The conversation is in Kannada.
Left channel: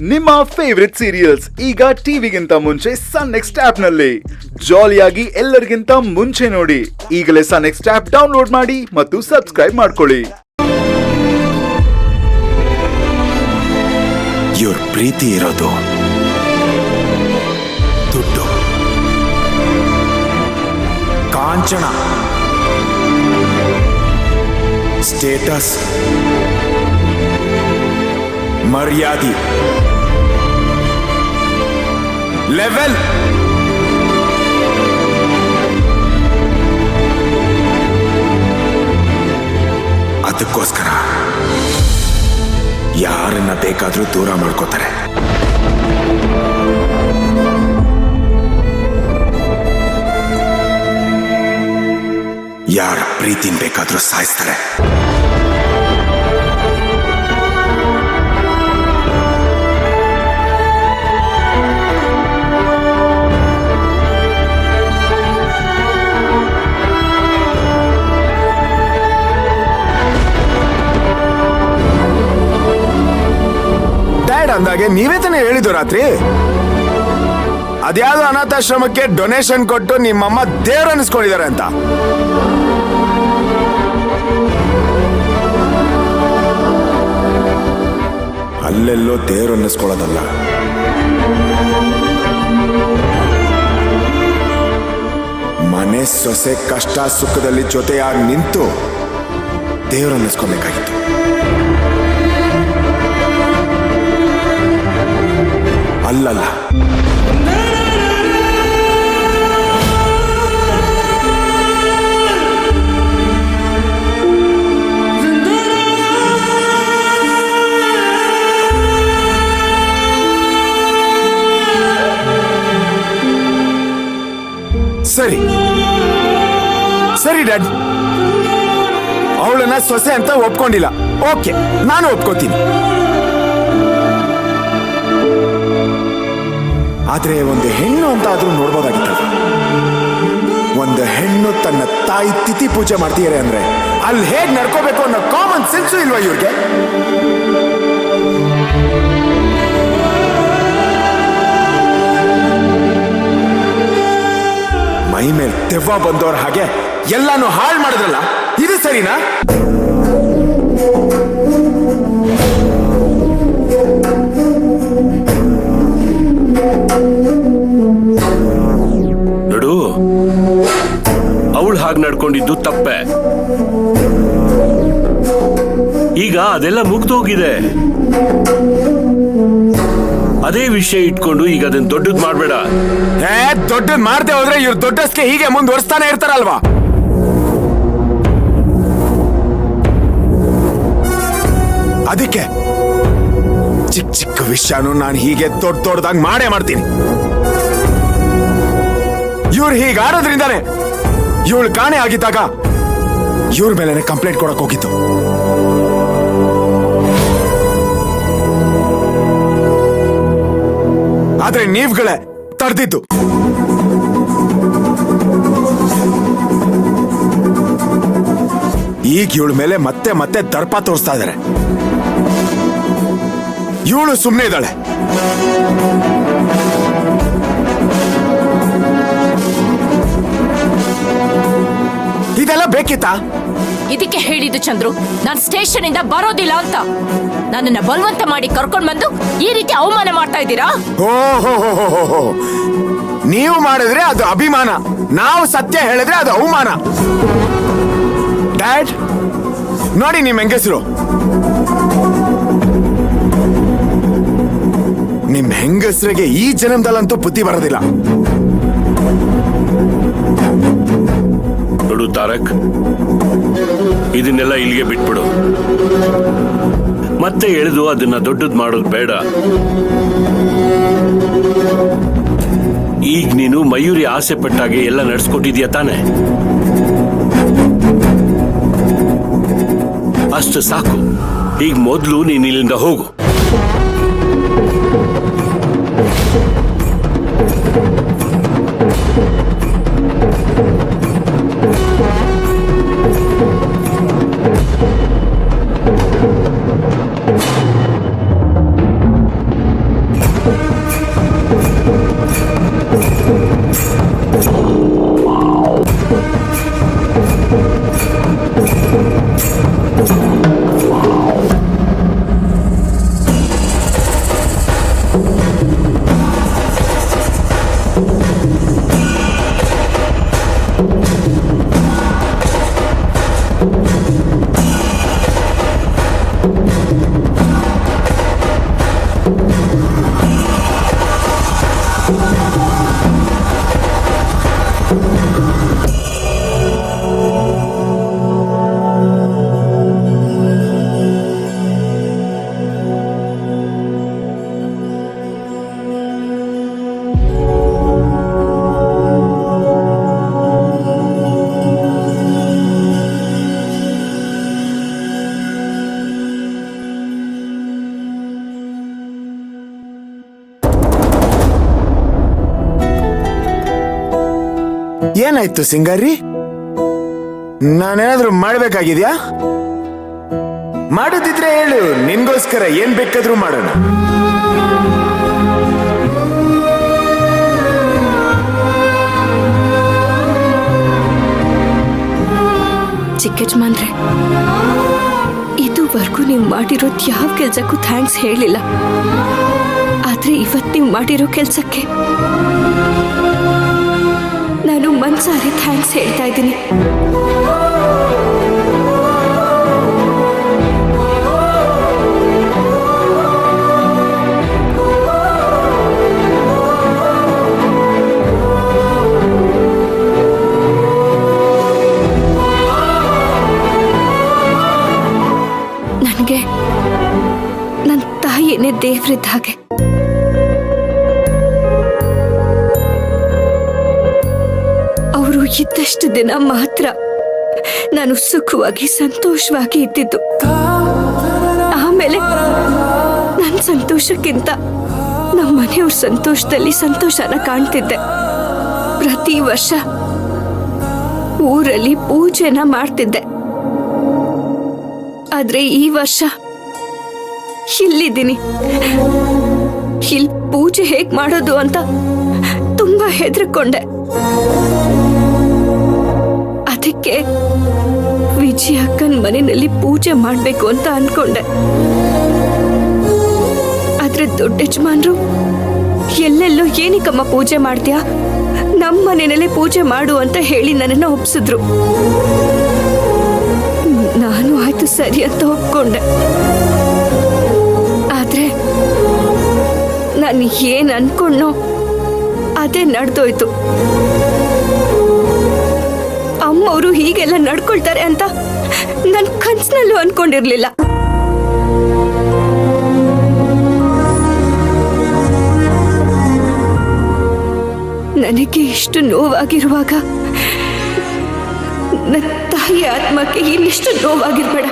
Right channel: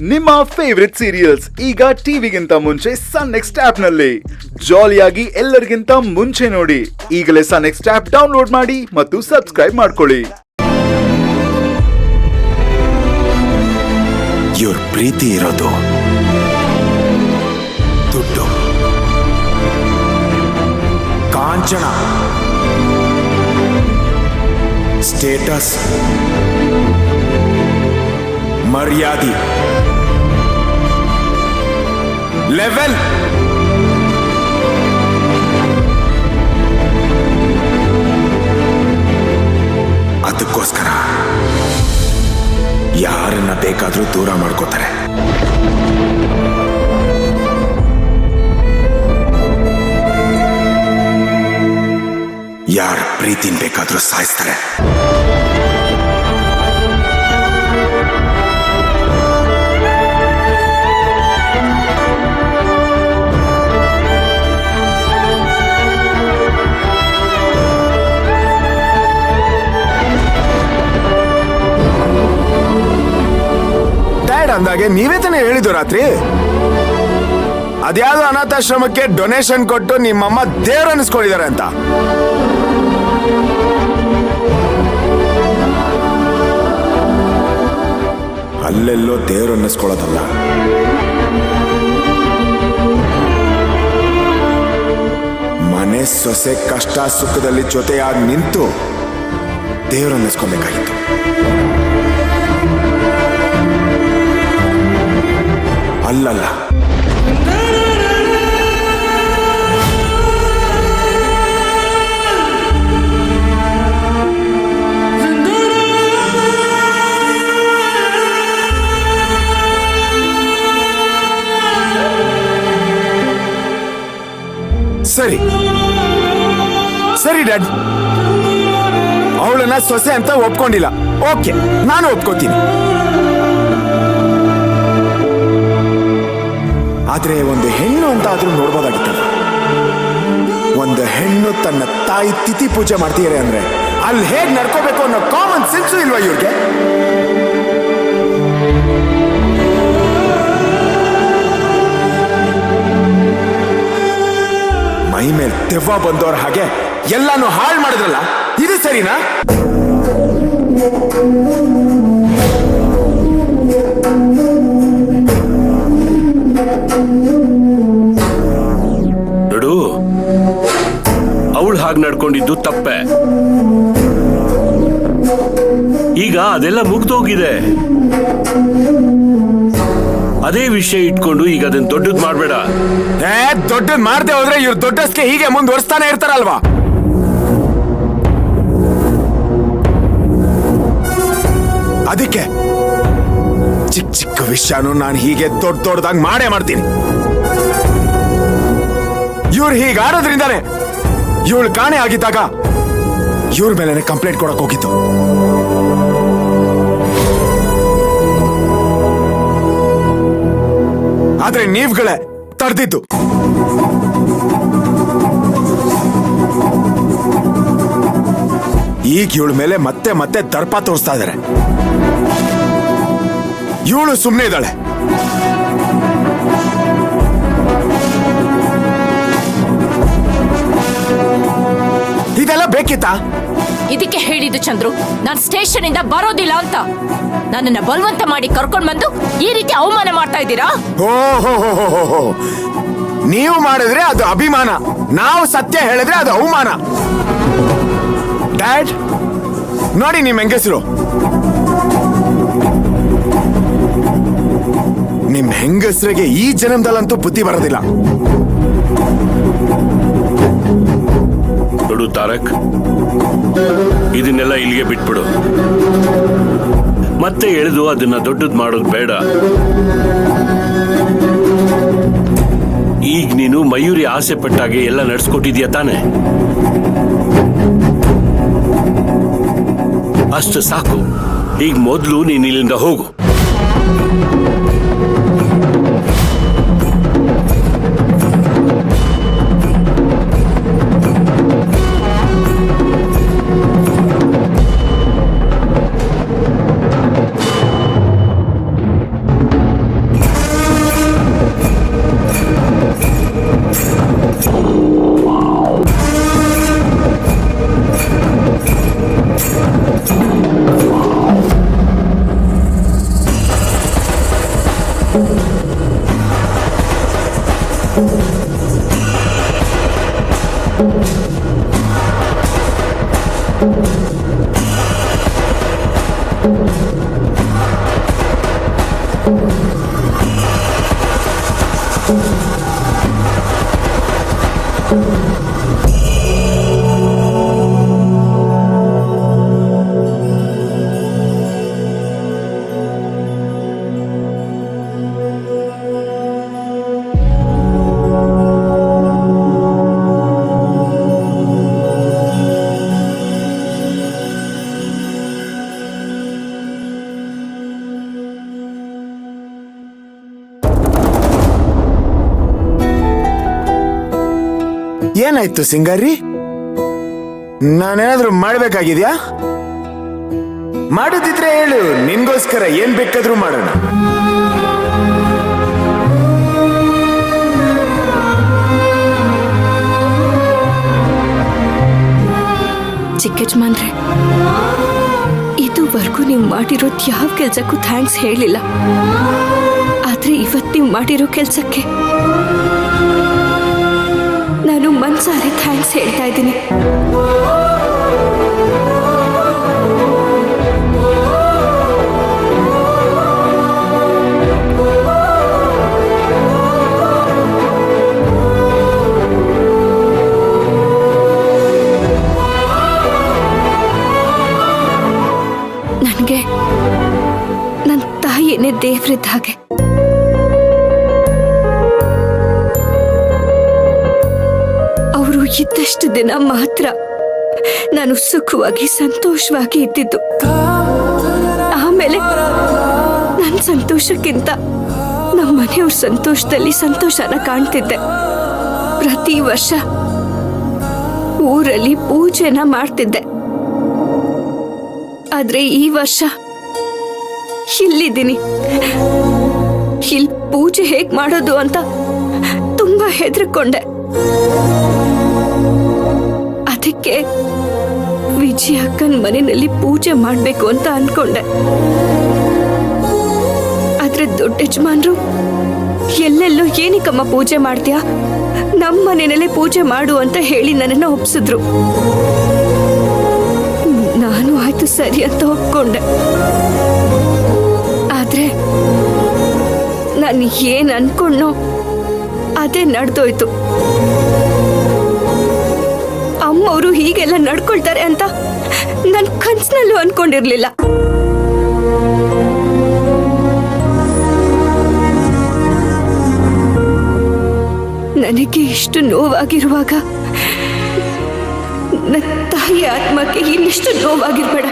ನಿಮ್ಮ ಫೇವರಿಟ್ ಸೀರಿಯಲ್ಸ್ ಈಗ ಟಿವಿಗಿಂತ ಮುಂಚೆ ಸನ್ ನೆಕ್ಸ್ಟ್ ಆಪ್ ನಲ್ಲಿ ಜಾಲಿಯಾಗಿ ಎಲ್ಲರಿಗಿಂತ ಮುಂಚೆ ನೋಡಿ. ಈಗಲೇ ಸನ್ ನೆಕ್ಸ್ಟ್ ಆಪ್ ಡೌನ್ಲೋಡ್ ಮಾಡಿ ಮತ್ತು ಸಬ್ಸ್ಕ್ರೈಬ್ ಮಾಡ್ಕೊಳ್ಳಿ. ಇವ್ರ ಪ್ರೀತಿ ಇರೋದು ದುಡ್ಡು, ಕಾಂಚನ, ಸ್ಟೇಟಸ್, ಮರ್ಯಾದೆ, ಲೆವೆಲ್, ಅದಕ್ಕೋಸ್ಕರ ಯಾರನ್ನ ಬೇಕಾದ್ರೂ ದೂರ ಮಾಡ್ಕೋತಾರೆ. ಯಾರ ಪ್ರೀತಿನ ಬೇಕಾದ್ರೂ ಸಾಯಿಸ್ತಾರೆ. ಡ್ಯಾಡ್ ಅಂದಾಗೆ ನೀವೇ ತಾನೇ ಹೇಳಿದ್ದು ರಾತ್ರಿ, ಅದ್ಯಾವುದೋ ಅನಾಥಾಶ್ರಮಕ್ಕೆ ಡೊನೇಷನ್ ಕೊಟ್ಟು ನಿಮ್ಮಮ್ಮ ದೇವ್ರ ಅನ್ನಿಸ್ಕೊಂಡಿದ್ದಾರೆ ಅಂತ. ಅಲ್ಲೆಲ್ಲೋ ದೇವ್ರ ಅನ್ನಿಸ್ಕೊಳ್ಳೋದಲ್ಲ, ಮನೆ ಸೊಸೆ ಕಷ್ಟ ಸುಖದಲ್ಲಿ ಜೊತೆಯಾಗಿ ನಿಂತು ದೇವ್ರ ಅನ್ನಿಸ್ಕೊಬೇಕಾಗಿತ್ತು. ಅಲ್ಲಲ್ಲ, ಸರಿ ಸರಿ ಡ್ಯಾಡ್, ಅವಳನ್ನ ಸೊಸೆ ಅಂತ ಒಪ್ಕೊಂಡಿಲ್ಲ. ಓಕೆ, ನಾನು ಒಪ್ಕೋತೀನಿ. ಆದ್ರೆ ಒಂದು ಹೆಣ್ಣು ಅಂತ ಆದ್ರೂ ನೋಡ್ಬೋದಾಗಿತ್ತಲ್ವ. ಒಂದು ಹೆಣ್ಣು ತನ್ನ ತಾಯಿ ತಿಥಿ ಪೂಜೆ ಮಾಡ್ತೀಯಾರೆ ಅಂದ್ರೆ ಅಲ್ಲಿ ಹೇಗ್ ನಡ್ಕೋಬೇಕು ಅನ್ನೋ ಕಾಮನ್ ಸೆನ್ಸು ಇಲ್ವಾ ಇವ್ರಿಗೆ? ಮೈ ಮೇಲೆ ದೆವ್ವ ಬಂದವ್ರ ಹಾಗೆ ಎಲ್ಲಾನು ಹಾಳು ಮಾಡಿದ್ರಲ್ಲ, ಇದು ಸರಿನಾ? ನೋಡು, ಅವಳು ಹಾಗೆ ನಡ್ಕೊಂಡಿದ್ದು ತಪ್ಪೆ. ಈಗ ಅದೆಲ್ಲ ಮುಗ್ದೋಗಿದೆ. ಅದೇ ವಿಷಯ ಇಟ್ಕೊಂಡು ಈಗ ಅದನ್ನ ದೊಡ್ಡದ್ ಮಾಡ್ಬೇಡ. ದೊಡ್ಡದ್ ಮಾಡ್ದೆ ಹೋದ್ರೆ ಇವ್ರ ದೊಡ್ಡಸ್ಗೆ ಹೀಗೆ ಮುಂದುವರಿಸ್ತಾನೆ ಇರ್ತಾರಲ್ವಾ? ಅದಕ್ಕೆ ಚಿಕ್ಕ ಚಿಕ್ಕ ವಿಷಯನೂ ನಾನು ಹೀಗೆ ದೊಡ್ಡದಾಗಿ ಮಾಡೇ ಮಾಡ್ತೀನಿ. ಇವ್ರು ಹೀಗಾಡೋದ್ರಿಂದಾನೆ ಇವಳು ಕಾಣೆ ಆಗಿದ್ದಾಗ ಇವ್ರ ಮೇಲೆನೆ ಕಂಪ್ಲೇಂಟ್ ಕೊಡಕ್ ಹೋಗಿತ್ತು. ಆದ್ರೆ ನೀವುಗಳೇ ತಡೆದಿದ್ದು. ಈಗ ಇವಳ ಮೇಲೆ ಮತ್ತೆ ಮತ್ತೆ ದರ್ಪ ತೋರಿಸ್ತಾ ಇದಾರೆ. ಇವಳು ಸುಮ್ಮನೆ ಇದ್ದಾಳೆ. ಇದೆಲ್ಲ ಬೇಕಿತ್ತಾ? ಇದಕ್ಕೆ ಹೇಳಿದ್ದು ಚಂದ್ರು, ನಾನು ಸ್ಟೇಷನ್ ಇಂದ ಬರೋದಿಲ್ಲ ಅಂತ. ನನ್ನನ್ನ ಬಲವಂತ ಮಾಡಿ ಕರ್ಕೊಂಡ್ ಬಂದು ಈ ರೀತಿ ಅವಮಾನ ಮಾಡ್ತಾ ಇದ್ದೀರಾ? ಓಹೋ, ನೀವು ಮಾಡಿದ್ರೆ ಅದು ಅಭಿಮಾನ, ನಾವು ಸತ್ಯ ಹೇಳಿದ್ರೆ ಅದು ಅವಮಾನ. ಡ್ಯಾಡ್ ನೋಡಿ ನಿಮ್ ಹೆಂಗಸರು, ನಿಮ್ ಹೆಂಗಸರಿಗೆ ಈ ಜನ್ಮದಲ್ಲಂತೂ ಬುದ್ಧಿ ಬರೋದಿಲ್ಲ. ನೋಡು ತಾರಕ್, ಇದನ್ನೆಲ್ಲ ಇಲ್ಲಿಗೆ ಬಿಟ್ಬಿಡು. ಮತ್ತೆ ಎಳೆದು ಅದನ್ನ ದೊಡ್ಡದ್ ಮಾಡೋದು ಬೇಡ. ಈಗ ನೀನು ಮಯೂರಿ ಆಸೆ ಪಟ್ಟಾಗೆ ಎಲ್ಲ ನಡೆಸ್ಕೊಟ್ಟಿದ್ಯಾ ತಾನೆ? ಅಷ್ಟು ಸಾಕು. ಈಗ ಮೊದಲು ನೀನು ಇಲ್ಲಿಂದ ಹೋಗು. ಏನಾಯ್ತು ಸಿಂಗಾರಿ? ನಾನೇನಾದ್ರೂ ಮಾಡ್ಬೇಕಾಗಿದ್ಯಾ? ಮಾಡೋದಿದ್ರೆ ಹೇಳು, ನಿನ್ಗೋಸ್ಕರ ಏನ್ ಬೇಕಾದ್ರೂ ಮಾಡೋಣ. ಚಿಕ್ಕಜ್ಮಾನ್ರೆ, ಇದುವರೆಗೂ ನೀವು ಮಾಡಿರೋದು ಯಾವ ಕೆಲ್ಸಕ್ಕೂ ಥ್ಯಾಂಕ್ಸ್ ಹೇಳಿಲ್ಲ. ಆದ್ರೆ ಇವತ್ತು ನೀವು ಮಾಡಿರೋ ಕೆಲ್ಸಕ್ಕೆ ನಾನು ಮನ್ಸಾರೆ ಥ್ಯಾಂಕ್ಸ್ ಹೇಳ್ತಾ ಇದ್ದೀನಿ. ನನಗೆ ನನ್ನ ತಾಯಿಯೇ ದೇವ್ರಿದ್ದ ಹಾಗೆ. ಅವರು ಇದ್ದಷ್ಟು ದಿನ ಮಾತ್ರ ನಾನು ಸುಖವಾಗಿ ಸಂತೋಷವಾಗಿ ಇದ್ದಿದ್ದು. ಆಮೇಲೆ ನನ್ನ ಸಂತೋಷಕ್ಕಿಂತ ನಮ್ಮ ಮನೆಯವ್ರ ಸಂತೋಷದಲ್ಲಿ ಸಂತೋಷನ ಕಾಣ್ತಿದ್ದೆ. ಪ್ರತಿ ವರ್ಷ ಊರಲ್ಲಿ ಪೂಜೆನ ಮಾಡ್ತಿದ್ದೆ. ಆದ್ರೆ ಈ ವರ್ಷ ಇಲ್ಲಿದ್ದೀನಿ. ಇಲ್ಲಿ ಪೂಜೆ ಹೇಗ್ ಮಾಡೋದು ಅಂತ ತುಂಬಾ ಹೆದರ್ಕೊಂಡೆ. ಅದಕ್ಕೆ ವಿಜಯ ಅಕ್ಕನ ಮನೆಯಲ್ಲಿ ಪೂಜೆ ಮಾಡ್ಬೇಕು ಅಂತ ಅನ್ಕೊಂಡೆ. ಆದ್ರೆ ದೊಡ್ಡ ಯಜಮಾನ್ರು ಎಲ್ಲೆಲ್ಲೋ ಏನಕ್ಕಮ್ಮ ಪೂಜೆ ಮಾಡ್ತೀಯಾ, ನಮ್ಮ ಮನೆಯಲ್ಲೇ ಪೂಜೆ ಮಾಡು ಅಂತ ಹೇಳಿ ನನ್ನನ್ನ ಒಪ್ಸಿದ್ರು. ನಾನು ಆಯ್ತು ಸರಿ ಅಂತ ಒಪ್ಕೊಂಡೆ. ಆದ್ರೆ ನಾನು ಏನ್ ಅನ್ಕೊಂಡ್ನೋ ಅದೇ ನಡೆದೋಯ್ತು. ಅಮ್ಮವರು ಹೀಗೆಲ್ಲ ನಡ್ಕೊಳ್ತಾರೆ ಅಂತ ನನ್ ಕನ್ಸಿನಲ್ಲೂ ಅನ್ಕೊಂಡಿರ್ಲಿಲ್ಲ. ನನಗೆ ಇಷ್ಟು ನೋವಾಗಿರುವಾಗ ನನ್ನ ತಾಯಿ ಆತ್ಮಕ್ಕೆ ಇನ್ನಿಷ್ಟು ನೋವಾಗಿರ್ಬೇಡ.